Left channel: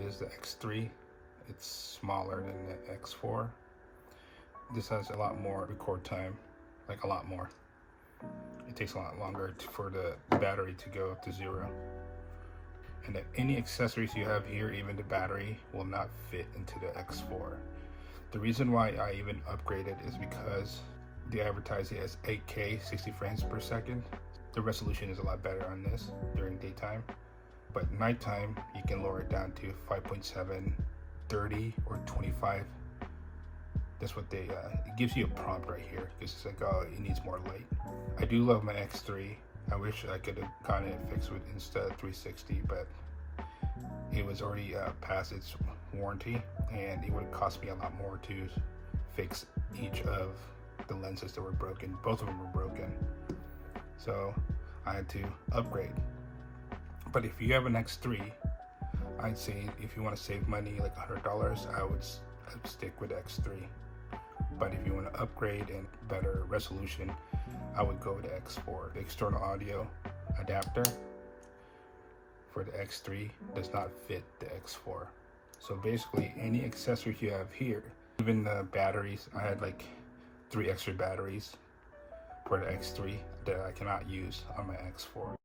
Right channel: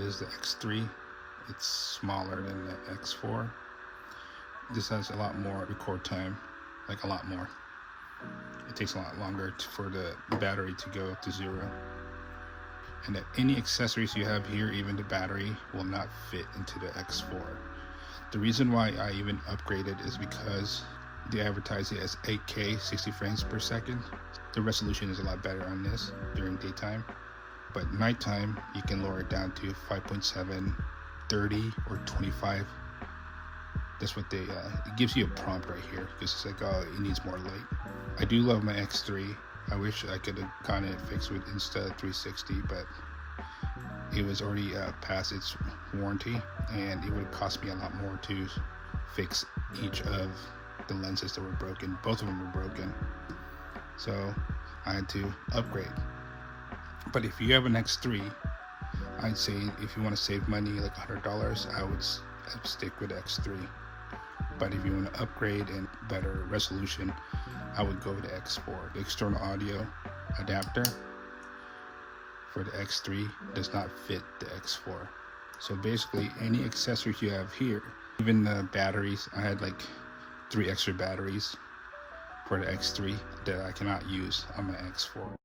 is the X3. It's smaller than the X4. This has a lot more record time, like a lot more. It takes a lot longer for the battery to go to zero. And that any accessories you have here, even the battery, will not fit into the X4. The reason why I even upgraded is because they advertise it as 8K 60 frames per second. The resolution is a lot better on this during daytime, but nighttime you can lower it down to 5.7, 30, or 25. That's what they it gives you a prompt right here, because it's like, oh, it needs more light. I do love my X3. I wish I could have gotten it fixed with Insta360, but it was already past its warranty, and it would cost me a lot more to fix each of the lenses that were broken. Both of them were broken, so I had to upgrade. But if you have an X3, I'd say if you want to save money, like $100, I would stick with X3. But if you want to upgrade and better resolution, I would go with the X4. The external audio adapter for the X3 does not fit the X4. So basically, any accessories you have here, even the batteries, I had like 3 extra batteries for the X3 that I cannot use on my X4.